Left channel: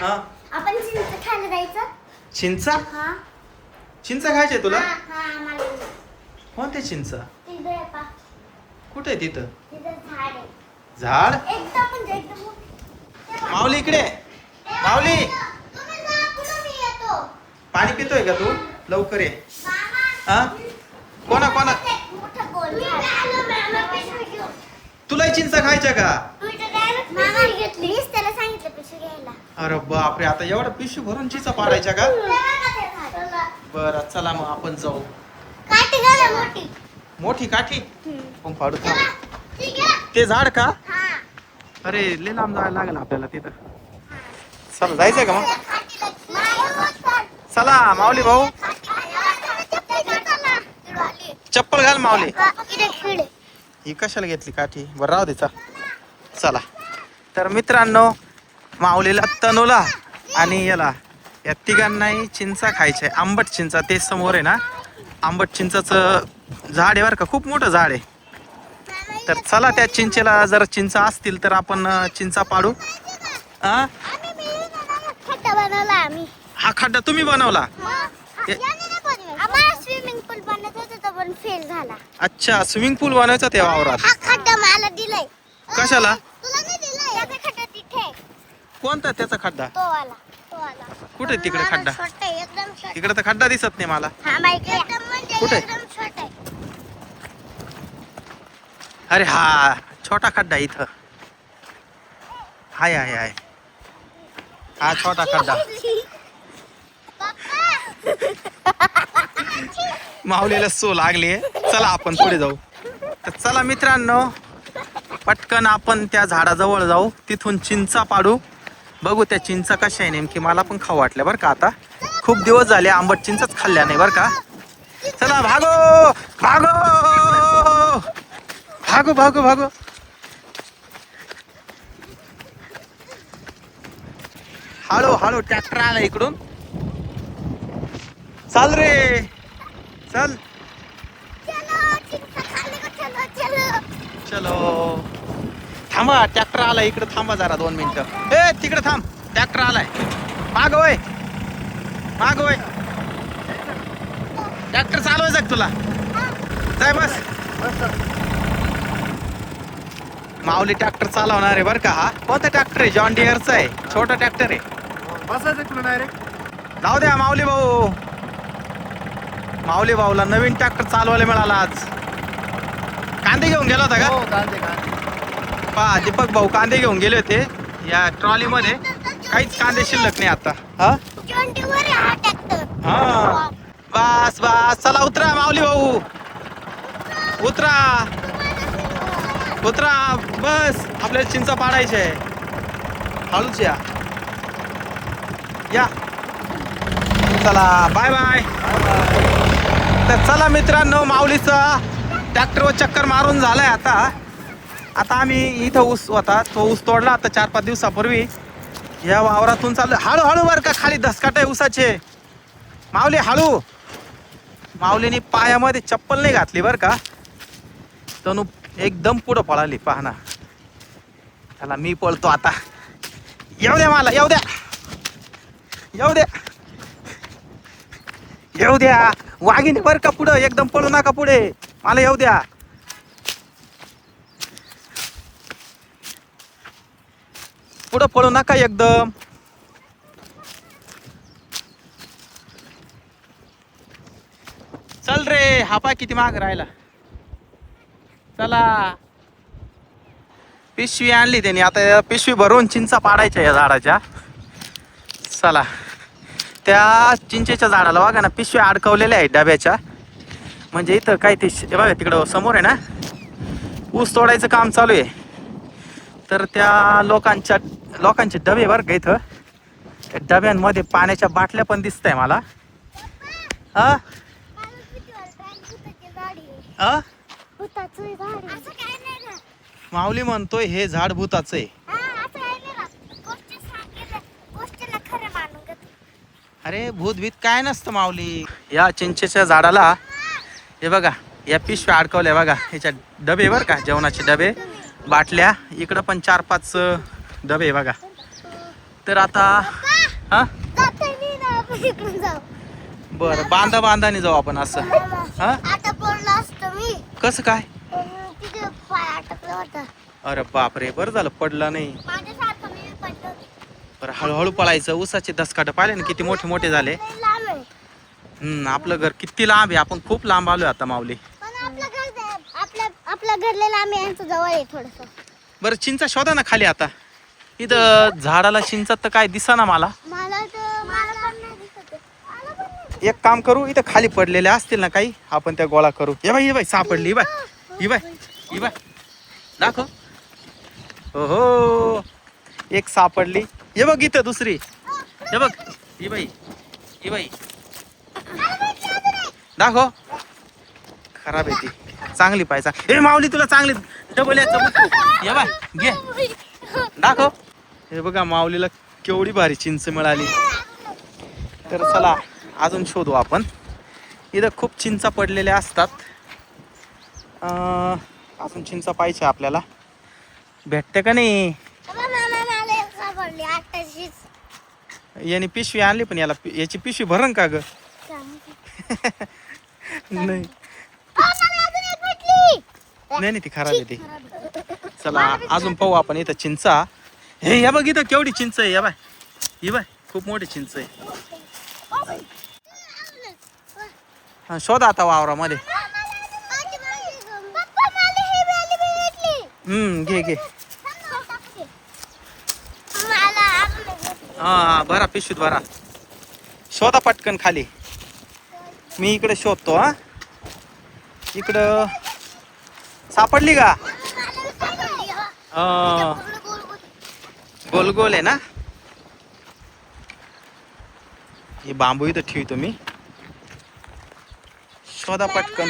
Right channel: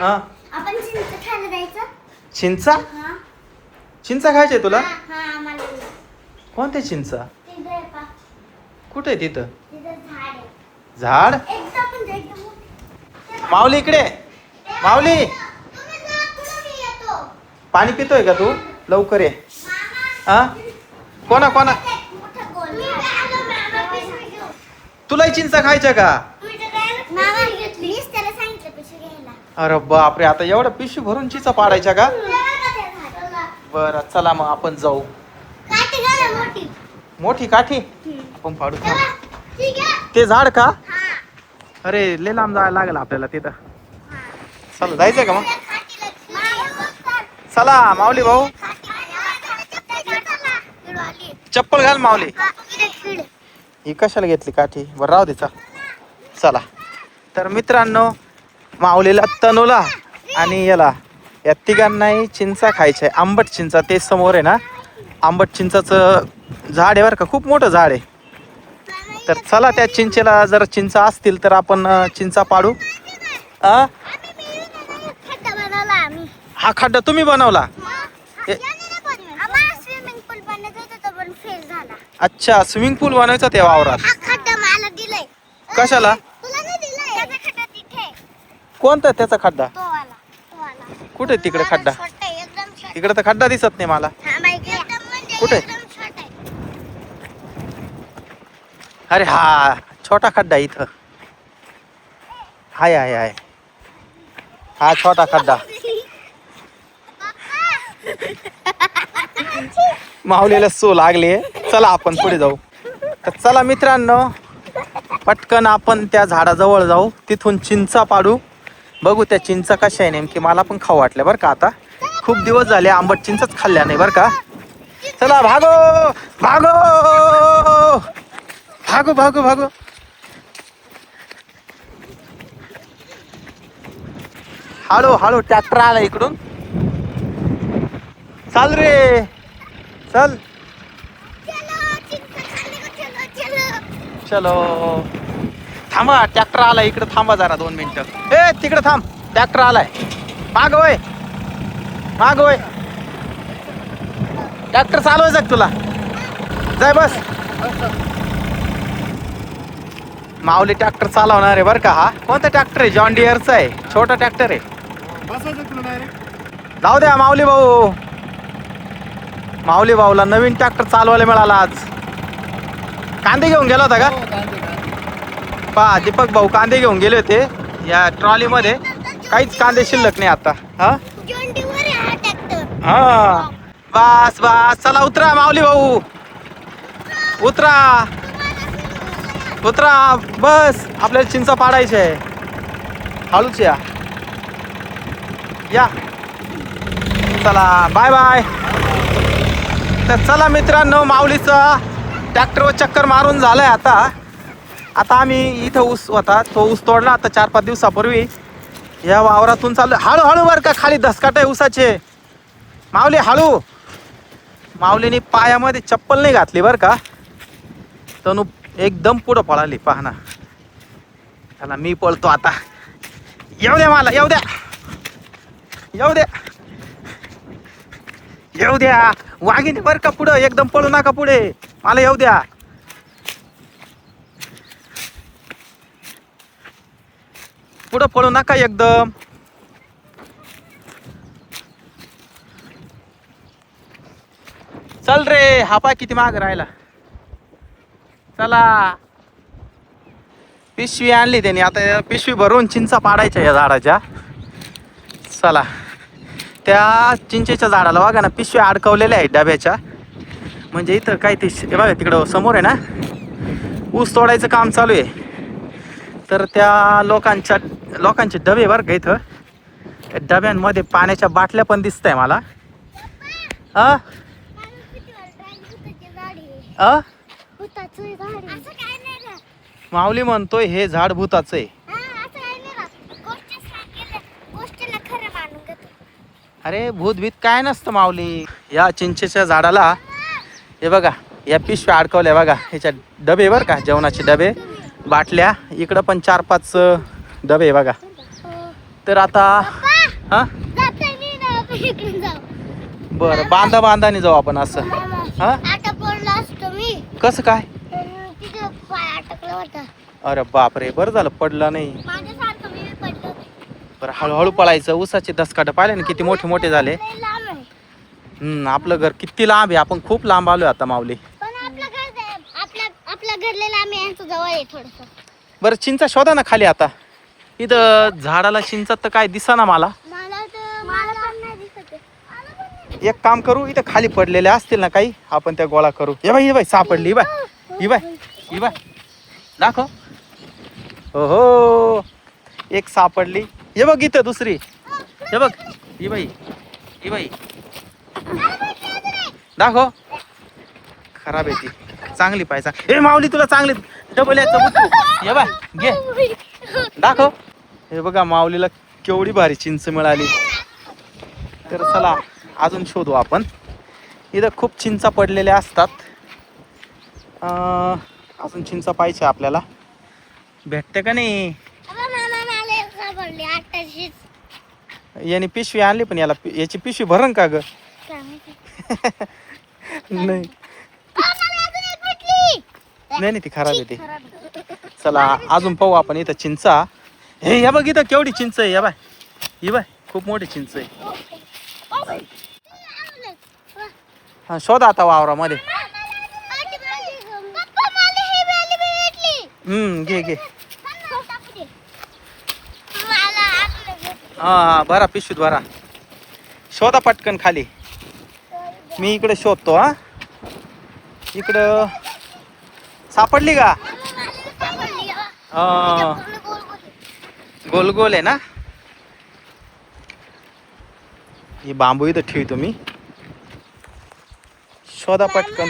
हा आपण चिंच खायला जायचं. चिंचा हा चिंचा खायचे तुला हा आम्हाला कोणते चिंचा तिथं आहे पा. कुठे आहे तिथं तिथं झाड आहे झाड एकदम म्हणजे एकदम मोठं. माऊली इकडे माऊली तुम्ही जा, पुढं मी येतो. पाणी पितोय का तू लवकर ये मामा, हा कोणा कोणा मोठं गोल मामा पिशवी घेऊन. तुलाही चिंचा खायच्या का मामा मीच त्याला सांगितलं पिशवी घ्यायला. अरे बापरे आता एवढं पिशवी भरून चिंचा पाडायच्या का काठी बरं चला मग आपण जाऊ घाला मोठी. मोठी काठी आपण फाडू थांब. ठीक आहे. ते झाड का हा. अरे लय लांब जायला लागेल आपल्याला तिथं चला जायचंय का मग चला माऊली भाऊ चप्पल घाल माऊली ही कशाला घेतली काठी बरं राहू दे चला तर मित्रांनो माऊलीला तनूला आणि याला या तिघांनाही चिंचा खायचं आहे आंबट चिंचा ते समोर आहे ना आंबट चिंचाचं झाड आहे बरं का खूप मोठं झाड आहे तर चला त्या चिंचेला जर चिंचा असतील तर आपण चिंचा पाडू खड्डा बनवला आम्ही. हा खड्डा तुम्ही बनवला आम्हाला स्विमिंग पूल बनवायचा होता पण फेल झाला. अच्छा स्विमिंग पूल बनवायचा त्या वावरात हा खड्डा मला दिलाय. कशाला तुला नाही दिलाय. त्याचा खड्डा तिथे आहे. कोणता त्याचा खड्डा तो वाला. कुठे तिकडे खड्डा छोटा आहे, एकदम छोटा. तिकडे तर खड्डा दिसत नाही मला थांबा इकडे. एकदम म्हणजे कुठे? एकदम छोटा आहे. अरे हा छोटा खड्डा इथं हाय हाय हाय हा छोटा खड्डा माऊलीला सो लागली चला आपण पुढे जाऊ तर चला मित्रांनो पटकन आपण त्या झाडाजवळ जाऊ तिथून चिंचा पाडू बघू त्या चिंचा कशा आहे नेमकी मला पण खाऊ वाटल्या बरं का आता खूप दिवस झाले आंबट चिंचच खाल्ल्या नाही बरं का चला भागो भागो भागो भागो भागो हळू हळू ट्रॅक्टर आला इकडून चाल रे चल चलो, चिंचा खाल्ली का? चलो, चलो. चलो थांबा ट्रॅक्टर आला इकडे थांबा जरा 2 मिनिटं ए तिकडे थांब ट्रॅक्टर आलाय माग होय ट्रॅक्टर चालवायचं का तुला जाय बस माऊली ट्रॅक्टर चालवणार आहे बरं का हा कोणता ट्रॅक्टर आहे जॉन डिअरचा आहे छोटा ट्रॅक्टर आहे जाऊ द्या माऊली भाऊला नवीन ट्रॅक्टर चालवायला मिळाला आज कांदे घेऊन गेला होता का पहा दीपक भाऊ कांदे घेऊन गेले होते या ट्रॉली मध्ये काहीच कांदे शिल्लक नाही आता हा जॉन डीवर आहे हा ट्रॅक्टर. हा बस चला उतरा माऊली भाऊ उतरा बस आपल्याला चिंचा पाडायची आहे हळूच या चला बाय बाय तर चला मित्रांनो माऊलीचा ट्रॅक्टरवर चक्कर मारून झालाय आता आम्ही इथं ऊस होता तो ऊस तोडला आता 4-5 दिवसापूर्वी या वावरातून चाललो हळू बरं का खाली धसकाट आहे ऊसाचे माऊली हळू माऊलीने पायामध्ये चप्पल नाही घातली बरं का तनु एकदम पुढं पळाली पाहना त्याला मी पळतो आता येऊ द्या वाघिणी बरं का पुढं एकदम पळू नका पुढे मला येऊ द्या पुढं पळू नका एकदम चल रे हा पाय किती माग राहिला चला पिशवी आणली त्यांनी आता पिशवी भरून चिंचा पाडायच्या या झाडाच्या चला त्या चिंचेच्या झाडाला बघा ना पिशव्या अडकवलेल्या आहेत डब्याच्या म्हणजे इथं काय ते बघा तिकडं समोर आहे ना ऊस तोडायचं काम चालू आहे तर त्या लोकांचे डबे बरं का इथं त्या डब्यांमध्ये पाण्याच्या बाटल्या पण दिसत आहे मला माऊली म्हणतोय हे झाड भूताचं आहे अरे भूत भीत काय नसतं माऊली या चिंचेच्या झाडाला हे बघा या पिशव्या अडकवल्या बघा ह्याच्या डबे बरं का जेवणाचे डबे बाटल्या इकडं पण 4-5 डबे बघा तर आता हा जातोय मी ना आपण इकडून जाऊ. बरं बांधाने जाऊ आपण असं. मामा, हा आता पडलो असतो मी. कसं काय? तिथे पाय अटकला होता. अरे बापरे, बरं झालं पडलं नाही. माझ्यासारखं मी पडलो होते. बरं हळूहळू पळायचं. ऊसाचे धसकाट पाहिले ना किती मोठे मोठे झाले. लय लांब आहे. आपलं घर किती लांब आहे. आपण खूप लांब आलोय आता माऊली. पण आपल्या घरला लांब आहे, यांचं जवळ आहे थोडस. बरं चिंचा शोधा ना खाली आता. इथं झाडाला चिंचा तर काय दिसेना मला. मला पण नाही दिसत आहे. मला पण नाही. एक काम करू, इथं खाली पडलेले असतील ना काही, आपण त्या गोळा करू. ये बाई सापडली. ही बाय दाखव. हो एक सापडली. हे बघ इथं दुसरी. हे बघ ही बाई दाखव. खराब आहे ती. चांगली पाहिजे. हे माऊली तुला चांगली डबल याचं बुट्टू. ये बाय घे दाखव. हे बघा माऊलीला केवढी भारी चिंच मिळाली. तर चला अजून शोधू आपण. इथं खूप चिंचा पडलेल्या असतात. अजून चिंचा पाहिजे आपल्याला. भेटते का नाही? मला एक सापडली 800. याने पिशवी आणली पण याची पिशवी भरण का ग? काय माहिती. नाही मला अजून एक भेटली. नाही ती खराब आहे ती. खराब आहे. चला अजून पाहू आपण इथं चिंचा. हे बघ इथं केवढी चिंच आहे. ही बाय खूप मोठी चिंच आहे. हा शोधा आता वावरामध्ये. घे हा भरा पिशवीत भरा. शोधा पटकन खाली. मी इकडे शोधतो. हा इकडं सापडली का? गोल गोल आहे ना. हे बांबू इथं ठेवतो मी. शोधा पटकन.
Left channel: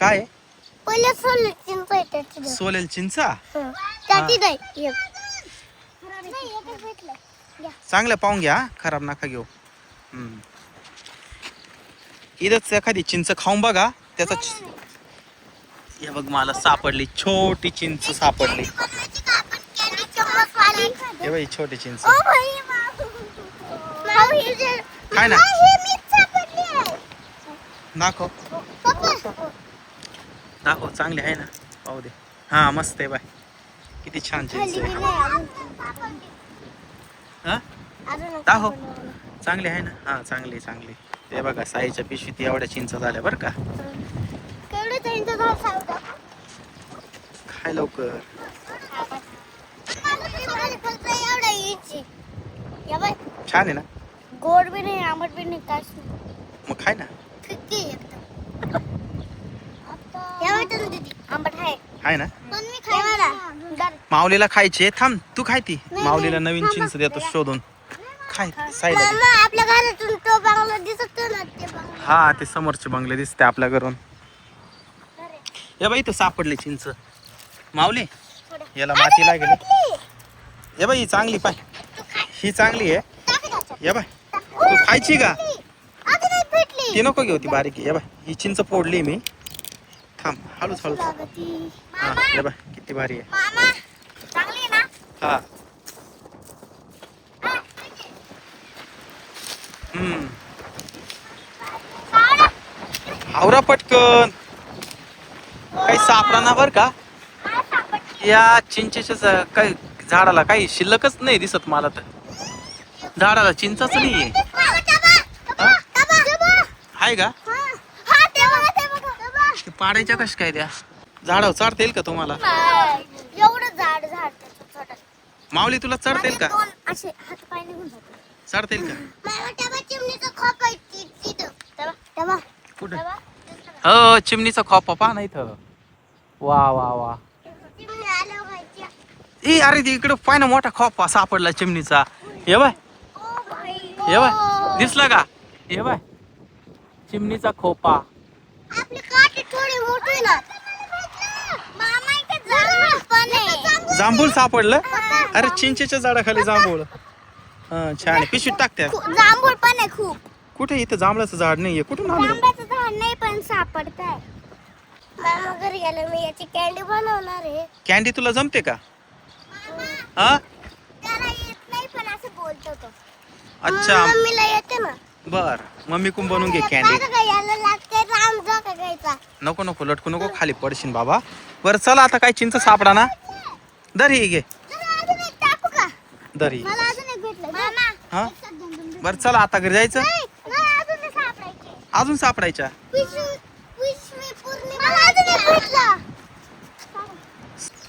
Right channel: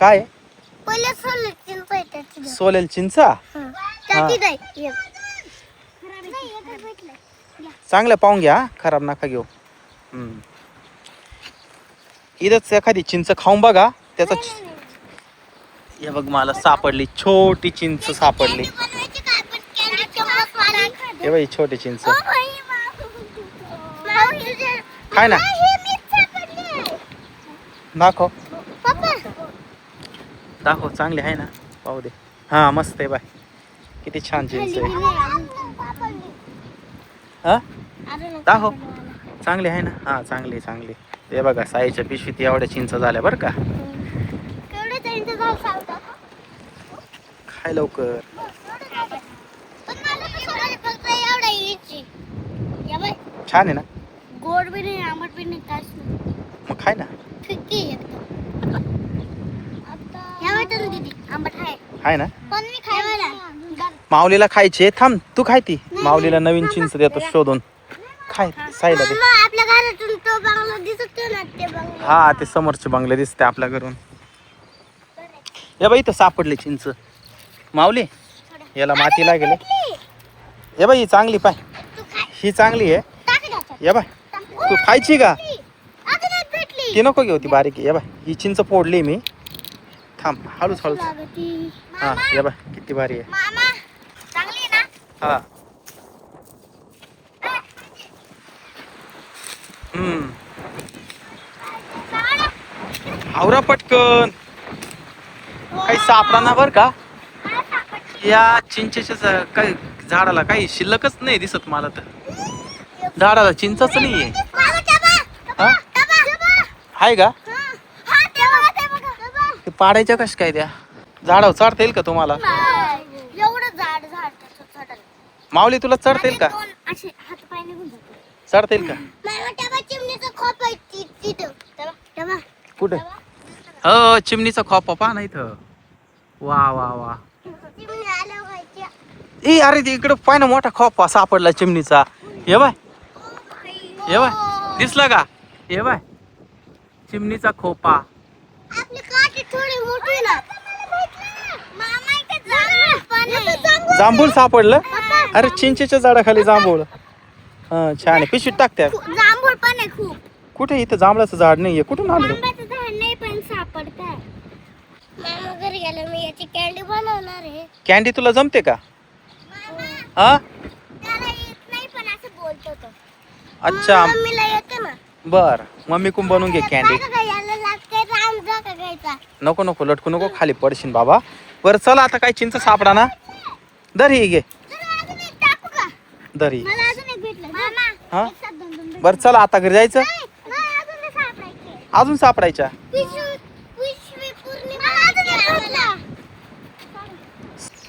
काय सोलेल चिंचा? चांगलं पाहून घ्या. खराब नका घेऊ. इथंच एखादी चिंच खाऊन बघा. त्याचा हे बघ मला सापडली. छोटी चिंच सापडली. हे बाई छोटी चिंच. खाय ना. दाखव चांगली आहे ना. पाहू दे. हा मस्त आहे बाय. किती छान चिंच आहे. हा दाखव. चांगली आहे ना. हा चांगली. हे बघा साईच्या पिशवीत एवढ्या चिंच झाल्या बरं का. खाय लवकर. छान आहे ना. गोड भी नाही, आंबट भी नाही, काहीच नाही. मग खाय ना. फिक्की आहे एकदम. दीदी आंबट आहे ना. पण मी खायला माऊलीला खायचे. थांब तू खाय ती. माऊलीला नवीन चिंच देतो शोधून. खाय साईला दे. आपल्या घरातून तो बंगला दिसतो ना, ते बंगला. हा ते समोरचे बंगले दिसते आपल्या घरून. हे बाई इथं सापडली चिंच. माऊली याला माती लागेल. हे बाई चांगली पाय. ही चांगली आहे. ये बाय तू खायची का? ती नको घेऊ. ती बारीक आहे. ये बाय ही चिंच फोडली मी. थांब हळूच. हा ये बाय किती भारी आहे. हा आवरा पटकन. काही सापडा बर का. या चिंचेच्या काही झाडाला काही शिल्लकच नाही दिसत मला तर. झाडाला चिंचच नाहीये. आहे का? ते पाडायच्या कश काय त्या झाडावर चढता येईल का तुम्हाला? माऊली तुला चढता येईल का? चढता येईल का? कुठे? हो चिमणीचा खोपा पहा ना इथं. वा ए अरे इकडं पाय ना मोठा खोपा सापडला चिमणीचा. ये बाय दिसला का? ये बाय चिमणीचा खोपा. जांभूळ सापडलं. अरे चिंचेच्या झाडाखाली जांभूळ. हा छान आहे. पिशवीत टाकत्या. जांभूळ पण आहे खूप. कुठे? इथं जांभळाचं झाड नाहीये. कुठून आलं? जांभळाचं झाड नाही पण सापडतंय. मामा घरी गेलो मी याची कॅन्डी बनवणार आहे. कॅन्डी तुला जमते का? हा त्याला येत नाही पण अच्छा मम्मीला येते ना. बर मम्मी कुंभ बनवून घे कॅन्डी. याला लागते राम झोका घ्यायचा. नको नको लटकू नको खाली पडशील बाबा. बरं चला आता काय चिंच सापडा ना. दर ही घे अजून एक टाकू का? दर ही. मला अजून एक भेटलं. हा एक साथ दोन. बरं चला आता घरी जायचं. नाही, अजून एक सापडायचे. अजून सापडायच्या. पिशवी पूर्ण मला अजून एक भेटलं.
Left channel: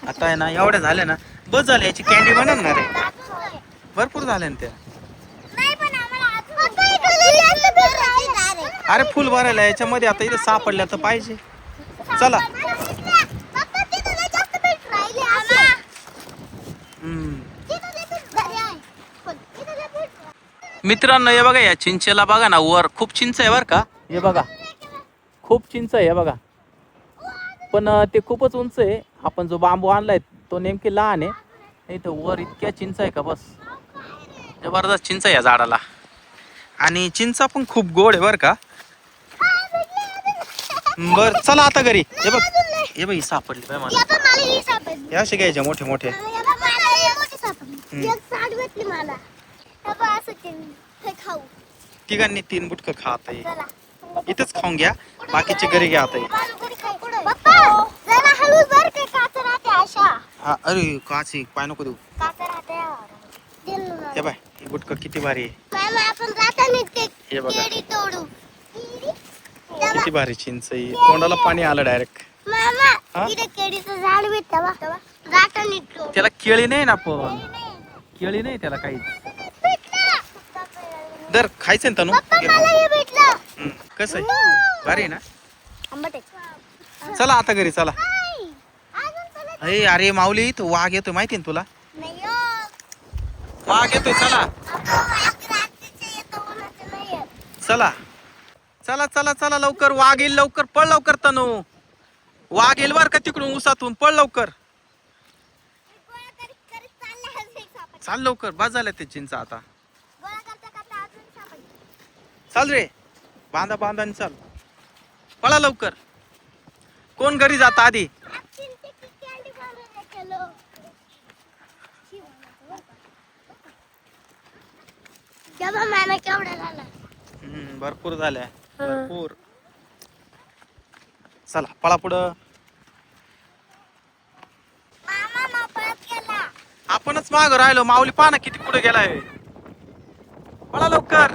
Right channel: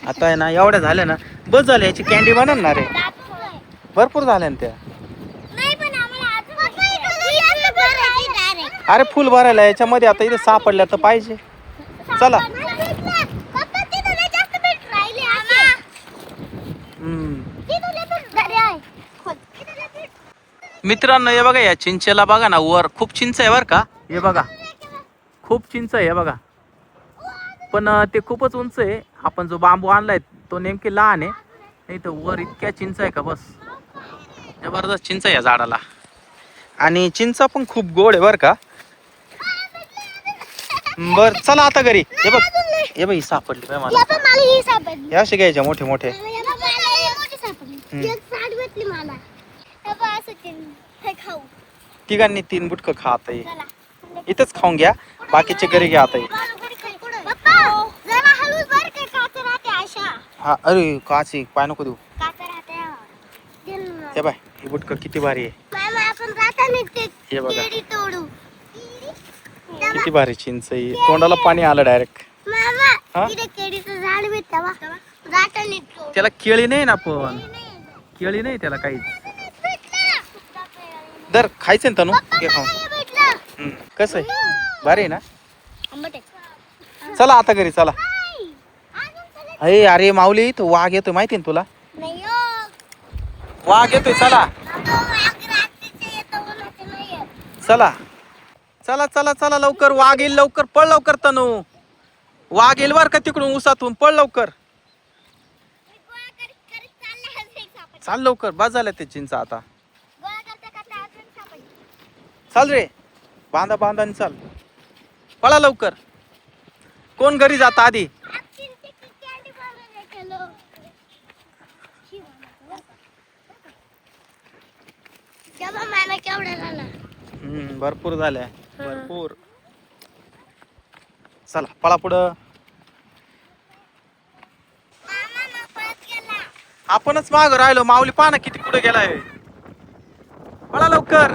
आता आहे ना एवढ्या झाल्या ना बस झाल्या याची कॅन्डी बनवणार आहे. भरपूर झाल्या ना त्या. नाही पण आम्हाला अजून पिशवी भरायची डायरेक्ट. अरे फुल भरायला याच्यामध्ये आता इथे सापडल्या तर पाहिजे. चला मित्रांनो हे बघा या चिंचेला बघा ना वर खूप चिंच आहे बरं का. हे बघा खूप चिंच आहे बघा. पण ते खूपच उंच आहे. आपण जो बांबू आणलाय तो नेमकी लहान आहे. इथं वर इतक्या चिंच आहे का बस. जबरदस्त चिंच आहे या झाडाला. आणि चिंचा पण खूप गोड आहे बरं का. बर चला आता घरी. हे बघ हे बघ ही सापडली पाय मला. हे असे घ्यायचे मोठे मोठे. तिघांनी 3 बुटकं खा आता हे. इथंच खाऊन घ्या बाकीचे घरी घ्या आता हे. हा अरे काची पाय नको देऊ. हे बाय ही बुटकं किती भारी आहे. हे बघा किती भारी चिंच आहे. तोंडाला पाणी आलं डायरेक्ट. हा? त्याला केळी नाही ना पण. केळी नाही त्याला काहीच. दर खायचं ना तनू घे खाऊन. कसं आहे भारी आहे ना. चला आता घरी चला. अरे अरे माऊली तो वाघ येतोय माहिती ना तुला. वाघ येतोय चला चला चला चला चला लवकर. वाघ येईल लवकर पळ लवकर तनू. वाघ येईल बर का तिकडून उसातून पळ लवकर. चाल लवकर बस झाल्या ते चिंचा आता. चाल रे बांधा बांधा चाल. पळा लवकर. कोण घरी जात आधी. भरपूर झाल्या भरपूर. चला पळा पुढं. आपणच माग राहिलो. माऊली पाना किती पुढे गेलाय. पळा लवकर.